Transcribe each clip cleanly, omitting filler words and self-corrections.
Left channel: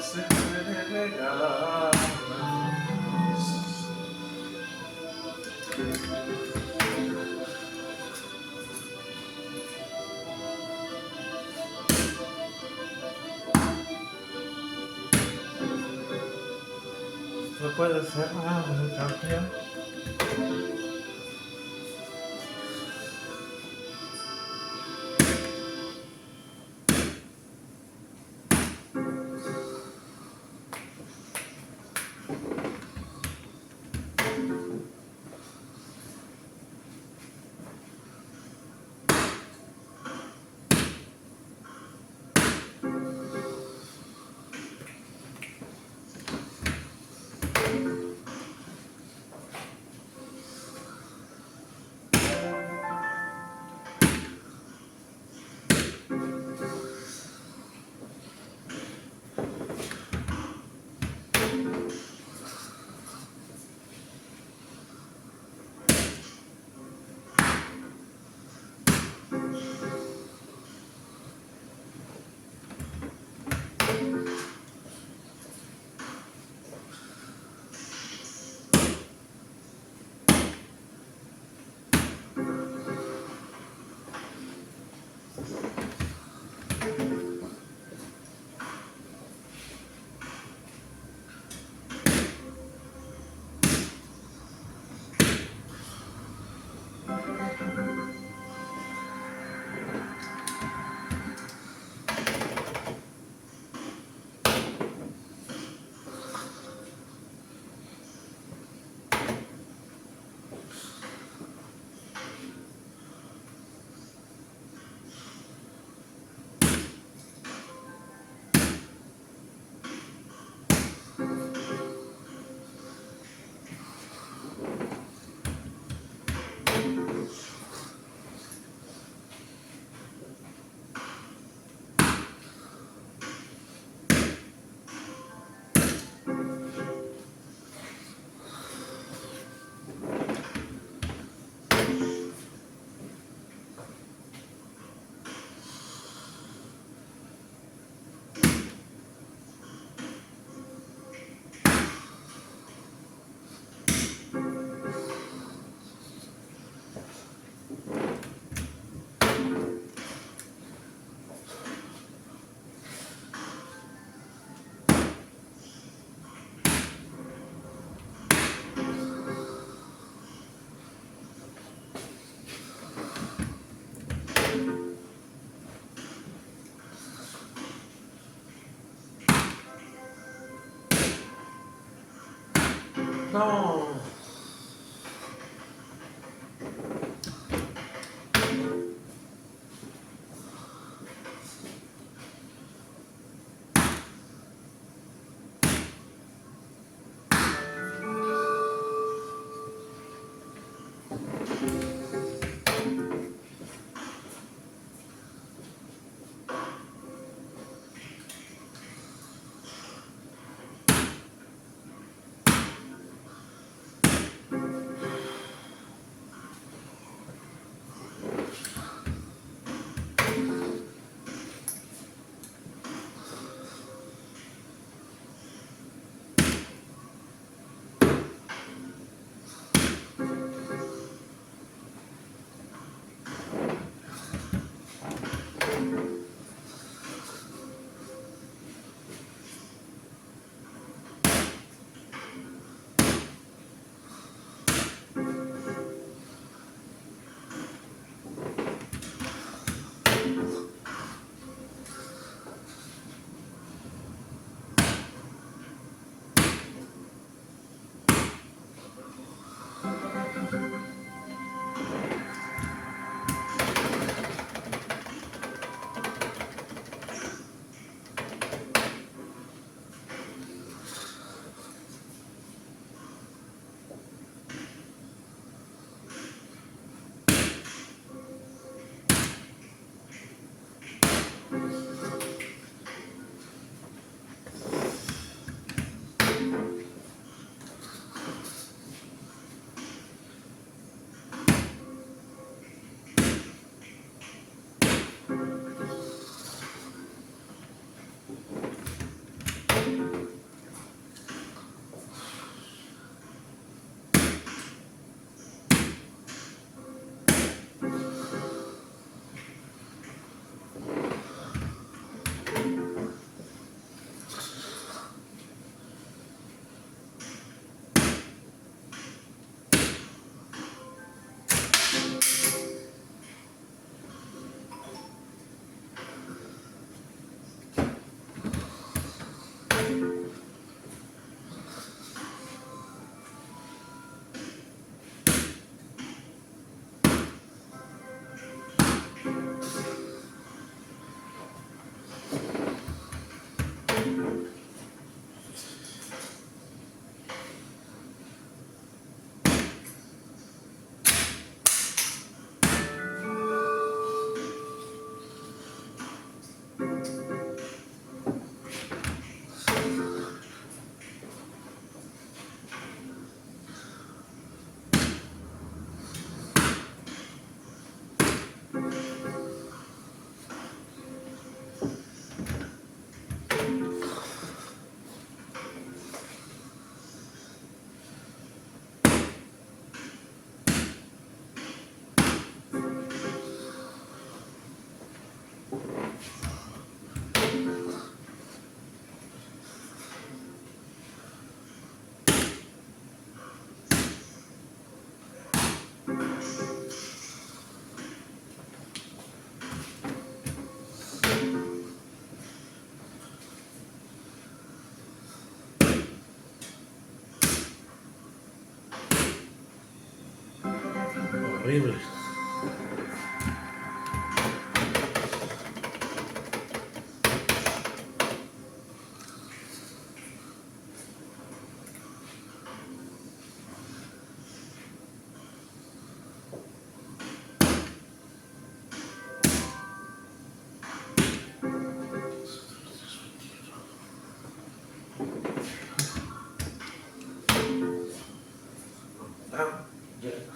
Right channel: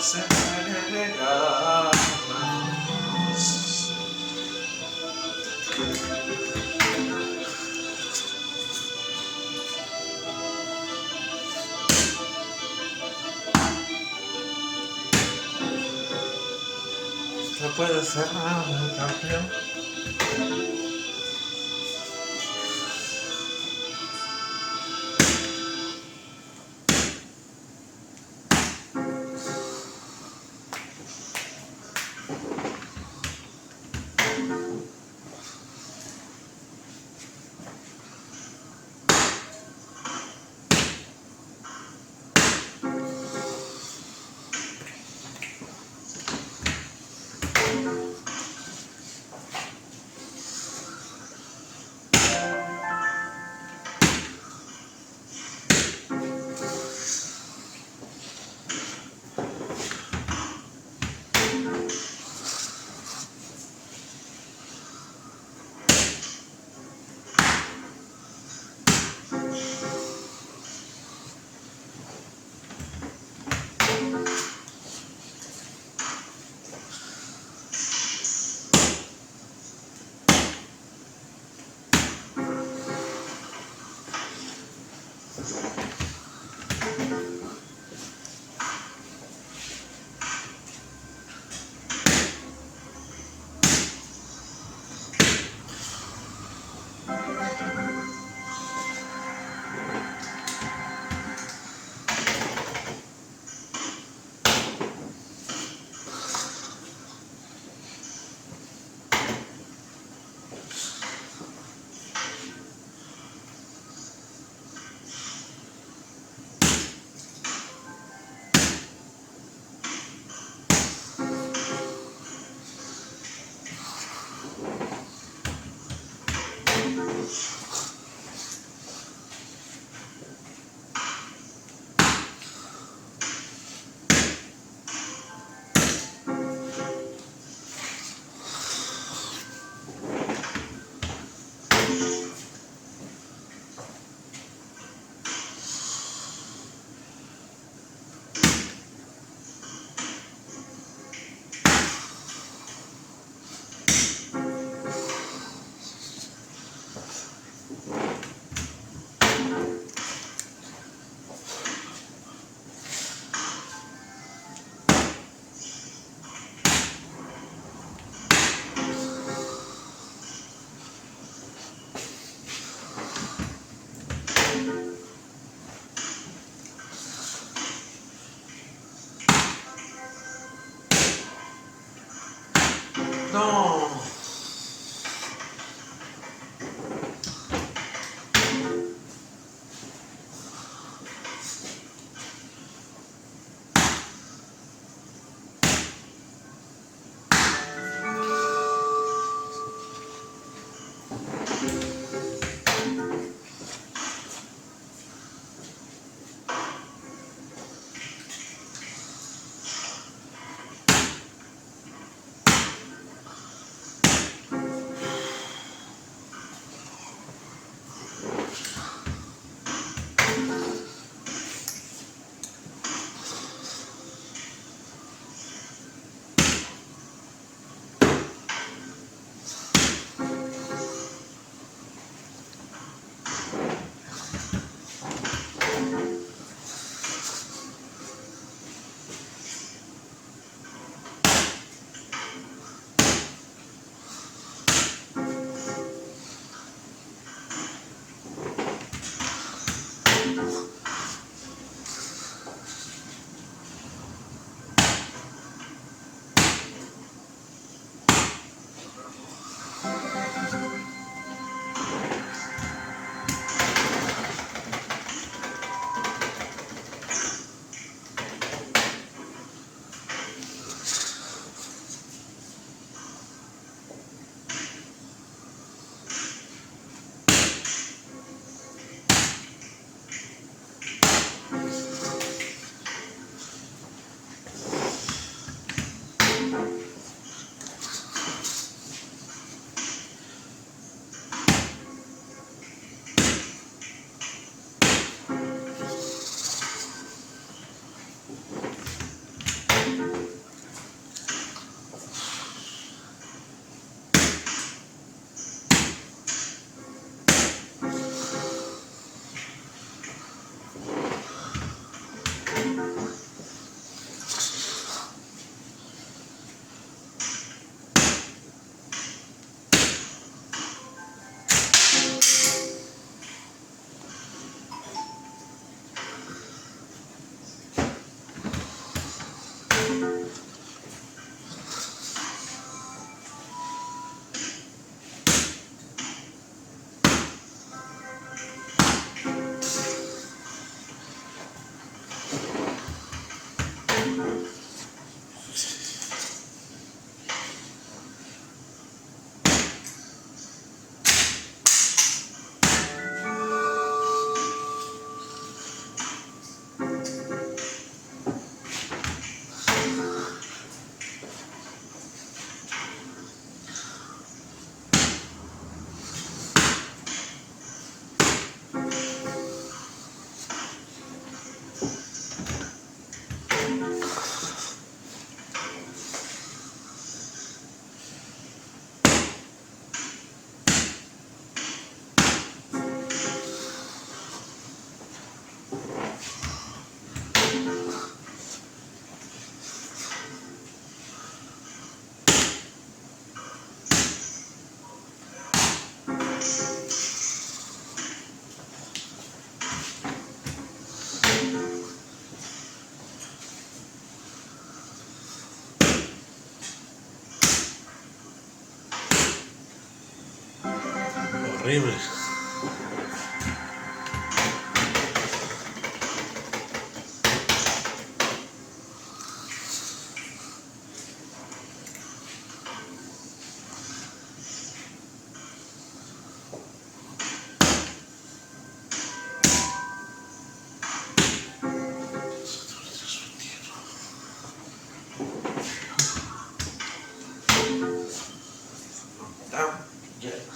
No puede ser nada, campeón. No. Horrible. Ya.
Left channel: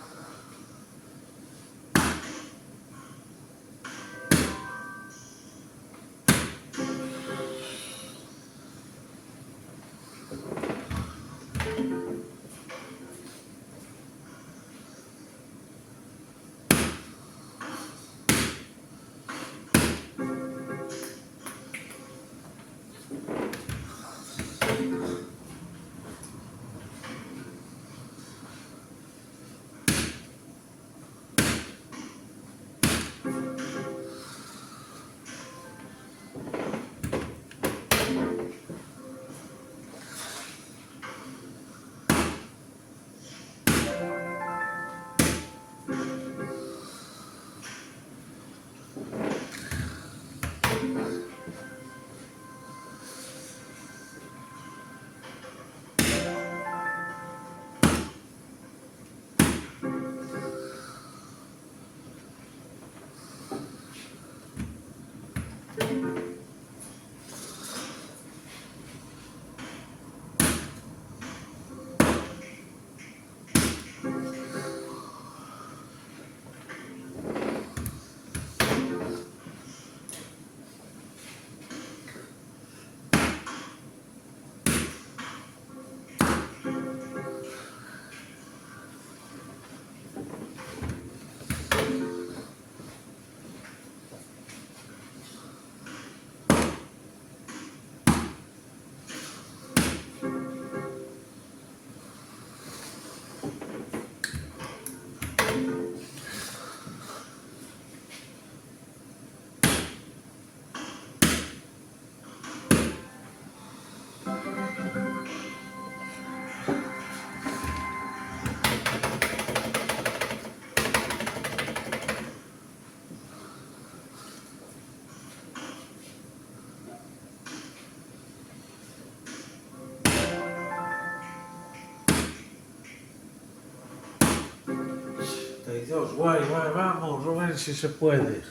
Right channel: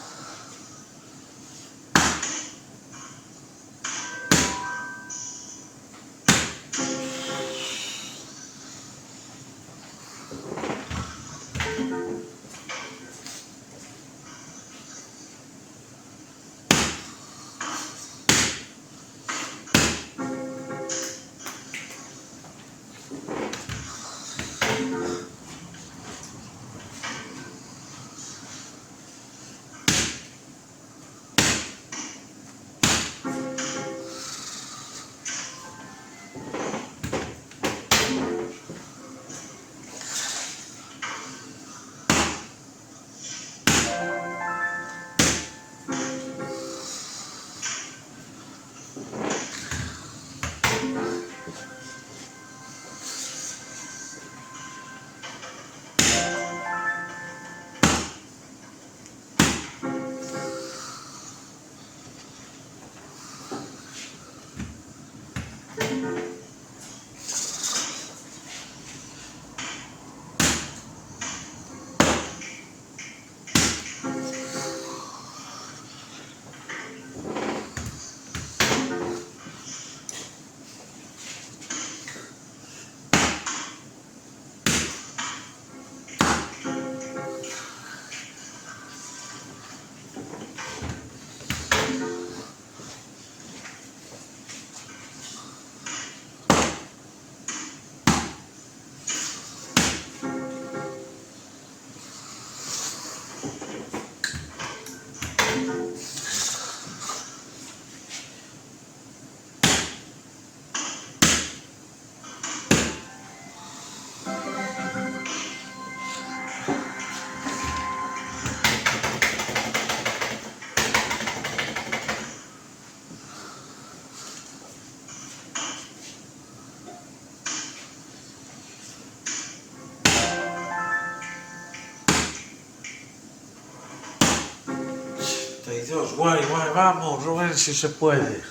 Dios, guay, guay, vamos, Rubén, si se puede.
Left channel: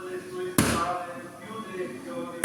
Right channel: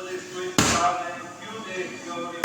le sue spalle più degli ogni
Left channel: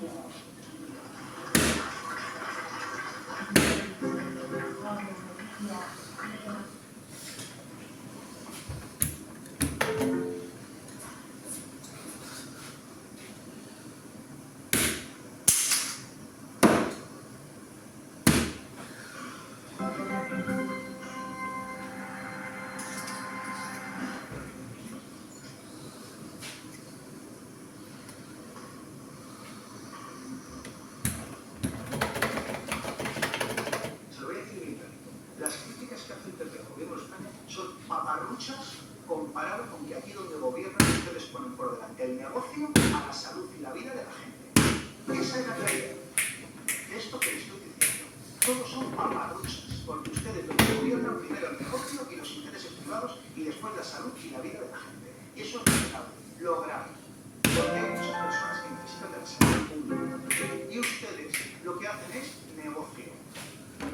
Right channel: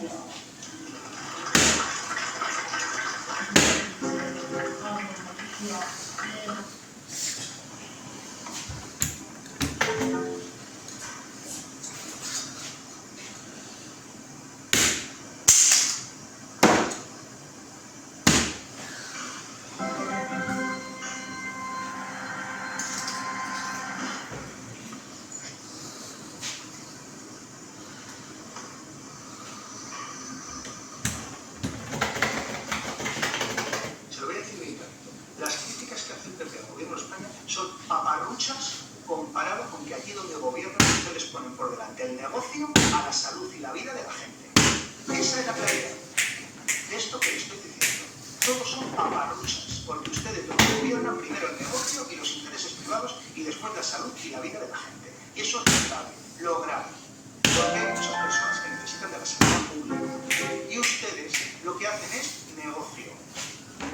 Dio. Comparado con que allí donde gobiernan ustedes ponen por delante el negocio a la salud y la vida de la gente. Esa es la claridad de esto que les estoy diciendo. Todos son paparruchas, porque ustedes donde gobiernan primero el negocio y los intereses privados y después la salud y la vida de la gente. Y eso es lo grave, lo grave. Porque hay muchas personas que necesitan de la sanidad pública. Y ustedes lo que hacen es negocio.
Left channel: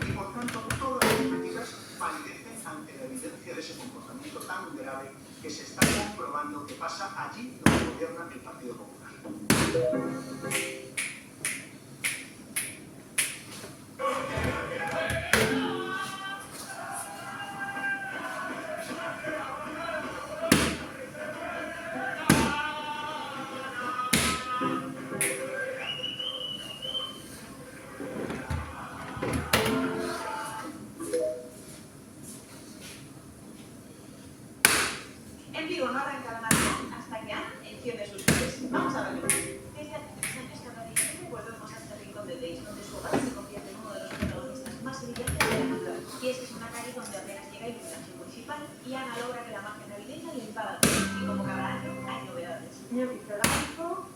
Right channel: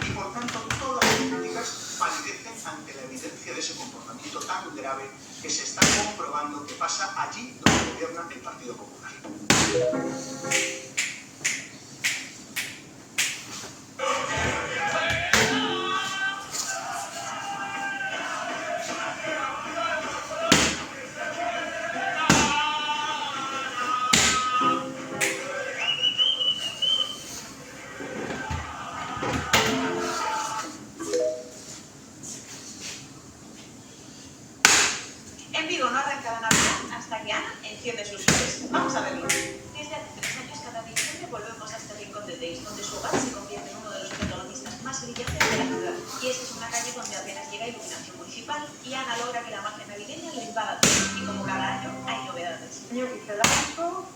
Y por tanto todas las críticas palidecen ante la evidencia de ese comportamiento tan grave que se está comprobando que pasa allí donde gobierna el Partido Popular. En Vigo no arranca la Navidad hasta que Ana enciende sus luces. Vamos a verlo. Desde hace 3 años, cada diciembre volvemos a este rincón de Deis, donde su hogar se convierte en uno de los protagonistas más brillantes de la ciudad. Y es que es una calle donde apenas llega iluminación municipal y Ana logra que la magia navideña le invada todo. Y como cada año, hay novedades. Yo hice el arco,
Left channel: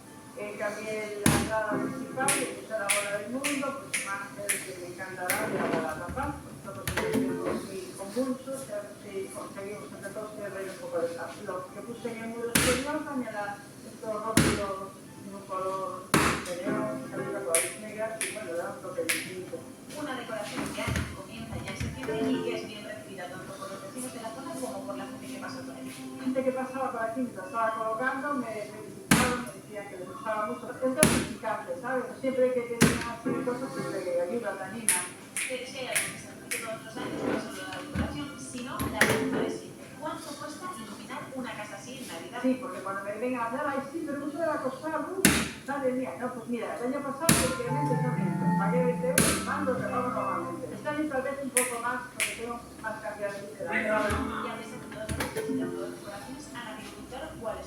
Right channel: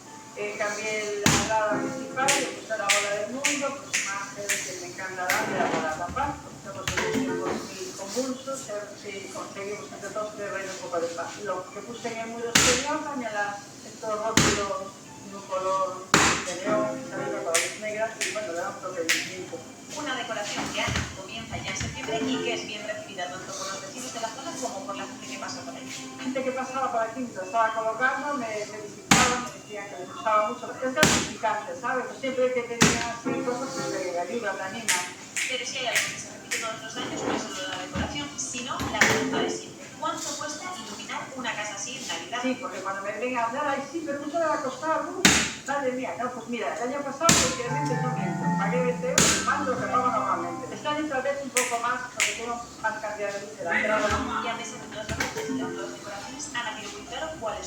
cambié la entrada principal, le puse la bola del mundo, pues imágenes que me encantarán de la palabra paz. Estamos en tiempos muy convulsos, a ver si conseguimos entre todos que reine un poco de paz. Lo que puse en el muro exterior, añadir estos rótulos de un color de neón, arriba con las negras, y bueno, le da un toque distinto. Una decoración que Ana comienza ya en septiembre y que es bien recibida tanto por los vecinos de la zona como por la gente que pasa por allí. Gente que pasaba por aquí mientras estaba colocando, me felicitaban, me decían que les gustaba mucho. Es gratificante, ¿sabes? Siempre que tenían así cosas que te ayudan, te animan. Pero si hay algo que se repite todos los años, no es solo la decoración, sino la pregunta de siempre. ¿Cuánto cuesta iluminar una casa así en Navidad? Sí, porque cuando me vengan a hablar, ay, sí, pero mucho le va a costar, madre mía, no, pues mira, el año pasado, porque realmente no miento, pagué 20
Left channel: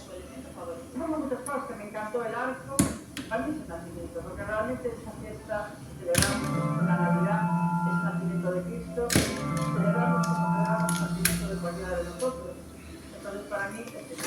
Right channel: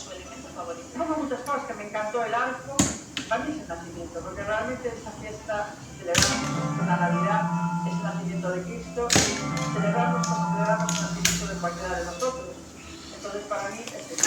su elemento favorito? Tengo muchas cosas que me encantó el arco, para mí es el nacimiento, porque realmente esa fiesta celebramos la Navidad, es el nacimiento de Cristo, y celebramos como celebramos el nacimiento de cualquiera de nosotros. Entonces para mí es el